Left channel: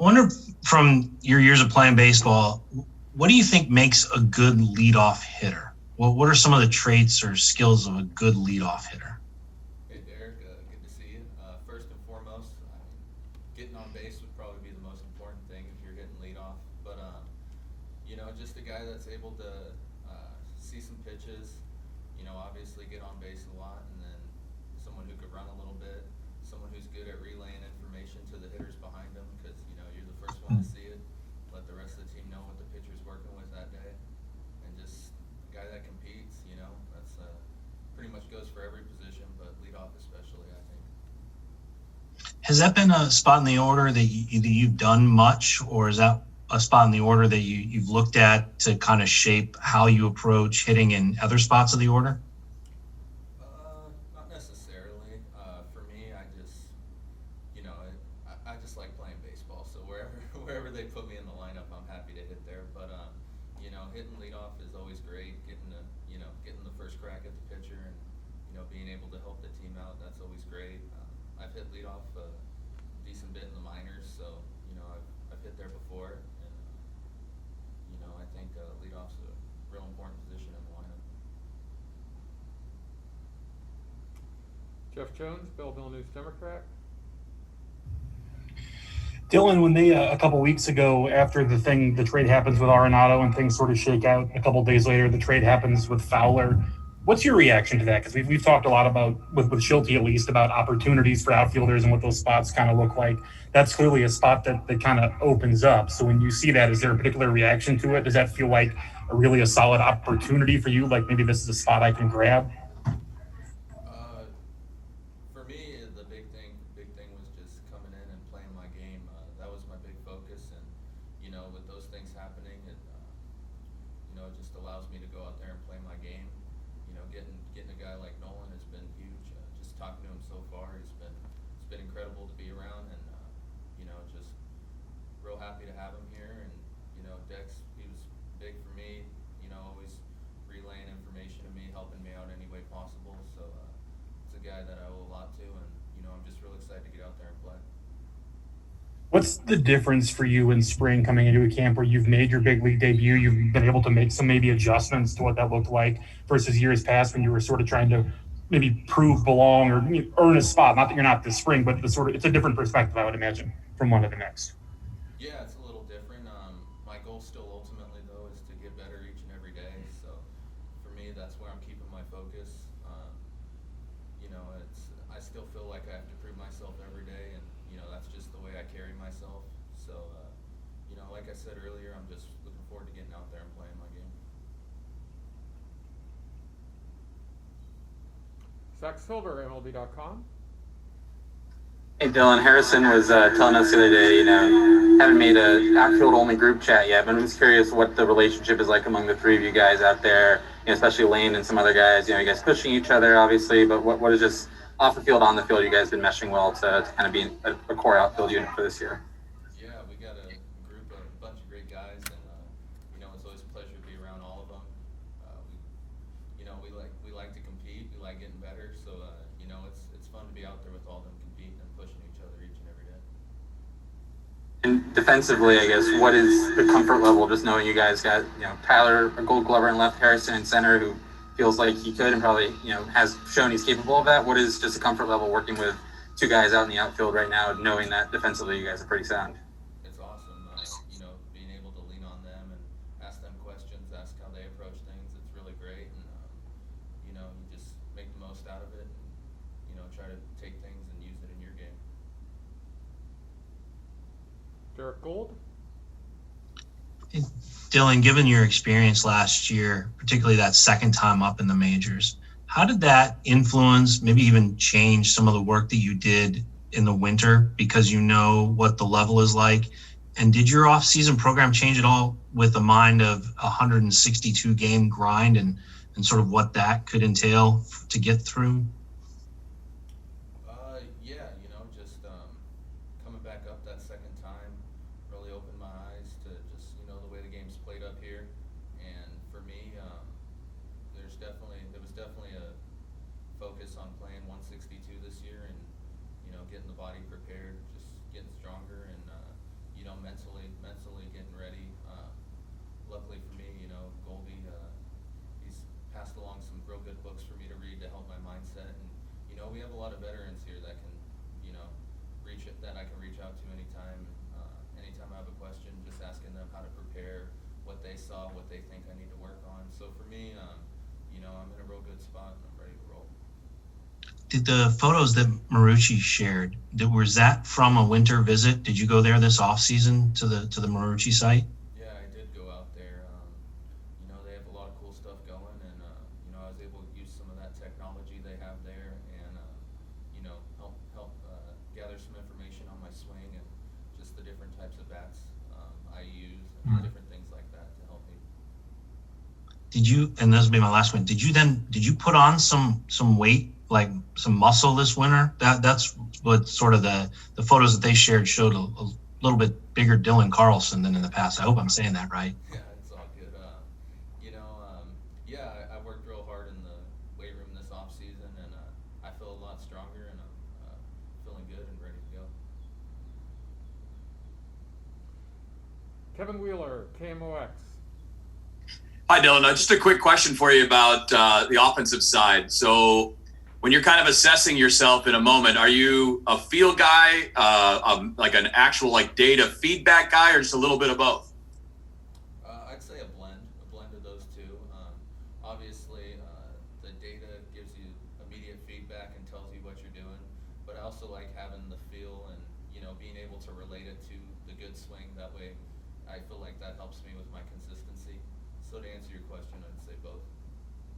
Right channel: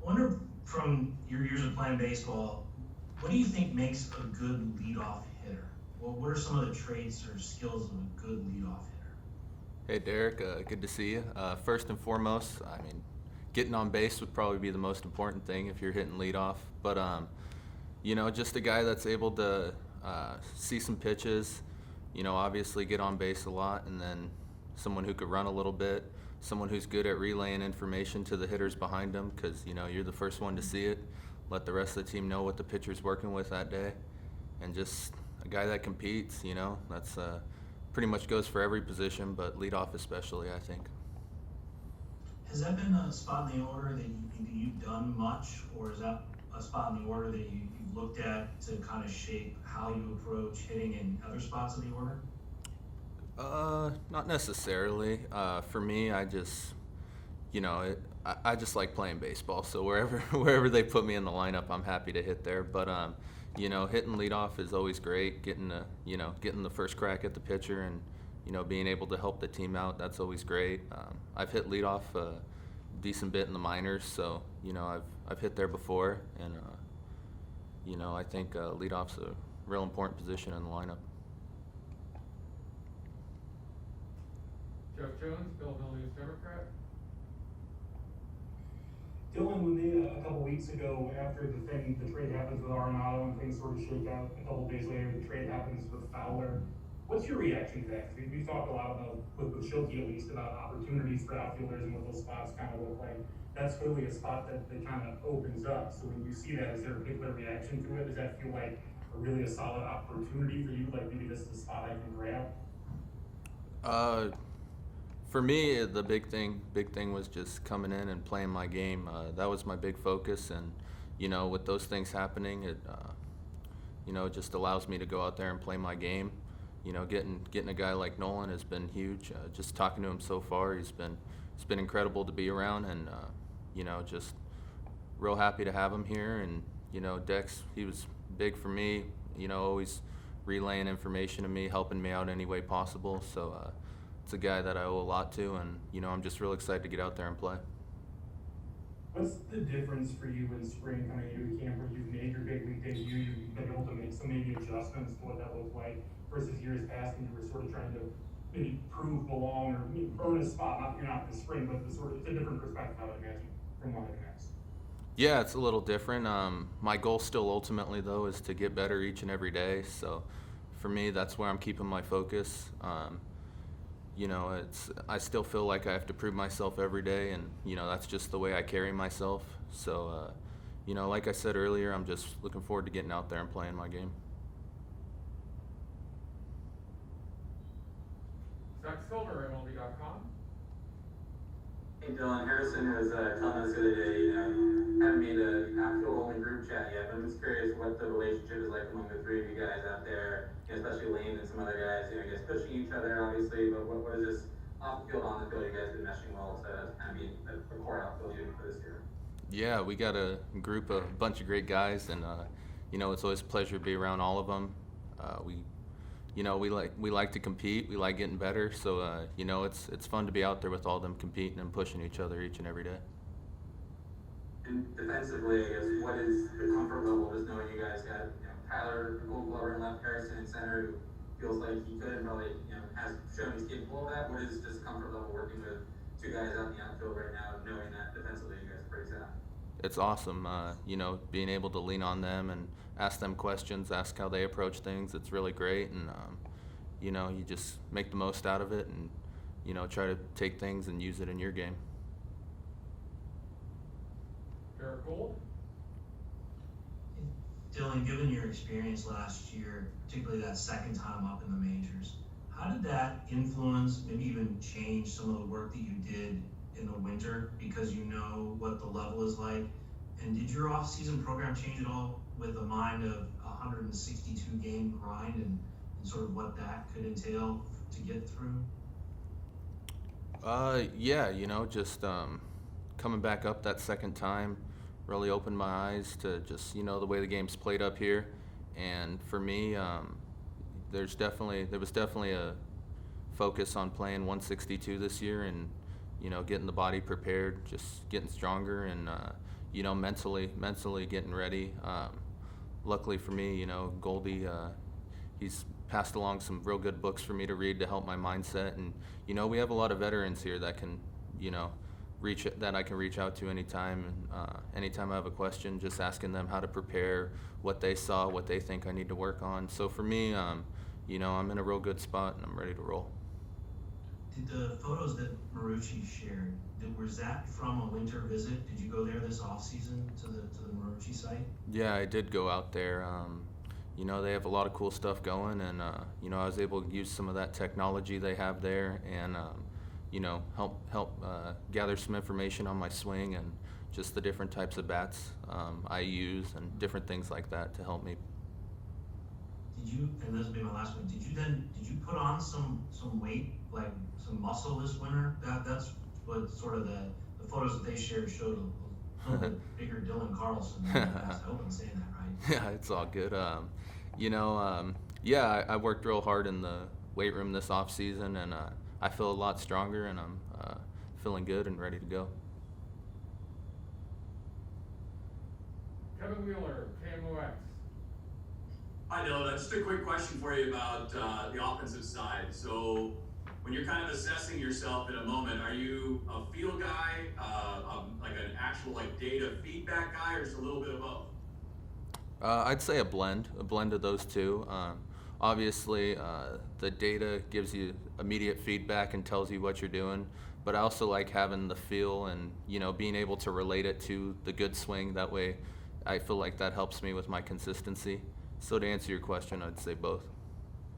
I wonder, from your years of playing baseball, what do you think makes a good leadoff hitter? Well, what are some of the traits or skills of a good leadoff hitter? Hey Derek, good to see you. First and foremost, I mean, getting on base would probably be the most important thing if you're hitting leadoff. But just a guy that's able to see some pitches. Obviously get on base a lot, and then someone who could run a little bit. Someone who's good at relaying information to the hitters behind them, because you're the first one to see it. Let the rest of the team know what the pitcher's working with that day, and just a guy that competes. That's pretty much goes for every position, but leadoff especially, I think. Has that been a spot in the order that you've done much, or is that a spot in the order that you've looked at to kind of shape how you approach hitting in other spots of the order? Not necessarily. For me, I just, I just like playing baseball. So wherever wherever they put me in the lineup, I'm happy to hit there. But hitting leadoff is always great. Getting the first crack at the pitcher, and being able to help the team out, that's always great. I've hit leadoff a decent bit in the minors, so I've hit there before, and I think leadoff's a real important position in the lineup. Jeff Jones, Belleville News Democrat. Dylan, when they a couple weeks ago, after the trade happens with Arenado and things sort of shake out, a couple days later the trade happens with Fowler. What's your reaction to that? Because we've talked a lot about, with Schulte at least, about opportunities for outfielders and what those spots kind of look like. That's clearly a spot that kind of opens up. So when you see that, is there a particular reaction to it? Does that feel like a solid opportunity for you? Like maybe this is a spot I can grab? For me, the big thing was just coming in and playing my game. That was my big focus, and with those things happening, it just allows me to go out there and play my game. Getting a guy like Nolan has been huge. Just talking to him so far, it's been incredible to be around, and just real happy to have him here. And Dex, he was big for me. Always relaying information to me, helping me out any way possible. So it's a guy that I owe a lot to, and I'm just real excited to get out there and play. What's the difference for you in spring coming into a camp where you've made your big league debut, you've been able to make some maybe adjustments to what that looked like versus years past when you were sort of trying to maybe belong or earn a spot? Not that you're not this spring, but it's a different perspective, I would imagine, from one to the next. Yeah, it's a little different. My goal still ultimately, though, is to get better each and every day. So for me, that's where I'm keeping my focus. I still feel like I have to prove myself every day, and that's just the way I carry myself. So like I said earlier, I'm just looking forward to getting out there and playing my game. Zach Silver, MLB.com. Hey Dylan, Harrison was telling us the other day, haven't made a outfield-only group chat yet, but I'm just curious what the relationship is like among the three of you guys out there, especially Lane and some other guys. You guys pushing each other, obviously, but what is just off the field, on the field, you guys been meshing well to kind of be a core outfield unit for this year? Yeah, we got a bunch of great guys, and it's always a pleasure to be around all of them. We like to compete. We like getting better. So it's fun to be out there with all of them competing and pushing each other each and every day. And defensively, I guess, what is the comfort level just knowing you guys got Tyler, a Gold Glover in left, Harrison in center, who feels like he could and probably has shown he's capable of that? What is just the comfort level working with two guys out in the outfield right now, knowing that defensively you guys are pretty sound? It's awesome. Being able to lean on them and ask them questions, ask how they approach things. It's really great, and you just make the most out of it, and try to take things and use it in your game. Derek Gold. Dylan, given your experience last year, particularly that second time up in the majors, how did that influence, maybe even change some of the work that you did in the winter, because you know what the level is like? And did your off-season program change at all with the mind of a 162 game grind and sort of what that could entail to get through? Yeah, just coming back up that second time really opened my eyes to just, the way the game's played up here. And for me, there was definitely a focus on playing 162 this year, and, getting the body prepared, just getting stronger, and, you know, mentally getting ready. Luckily for me, you know, Goldie, he's passed along some real good books for me to read to help my mindset. And, you know, we have a lot of veterans here that can, you know, that I can reach out to anytime. And anytime I have a question, just asking them how to prepare, what they saw, what they think I need to work on. So for me, you know, I'm in a real good spot and I'm ready to roll. Did the photos that Marucci shared, was that from a winter visit? Did you go there this off season to the Marucci site? Yeah, I did go out there. You know, they have a lot of cool stuff going, and you know, I was able to use some of that technology they have there, and you know, help gather some information on my swing and just the different types of bats I use and different things like that to help me. Did you, and this will be my last one, did you put on some weight, like some muscle this winter? That's what sort of the photos that they shared showed a little bit bigger Dylan Carlson than in the past. I hope I'm saying that right. Yeah, it's all good. You know, yeah, I worked real hard in the weight room this off season, and I feel a lot stronger, and I'm feeling good and ready to go. Kevin Wheeler, KMOX. Hi, Dylan. Just a quick question for you about the offensive side. So when you're kind of assessing yourself in a moment, are you a feel guy, like an actual like data feedback guy, or just a little bit of both? I'd say a blend of those two. Obviously, the data gives you immediate feedback and tells you what you're doing, but I also like having the feel and, you know, being able to relate it to the good swing. That way, I feel like that helps me with my consistency. So to answer your question, I'd say both.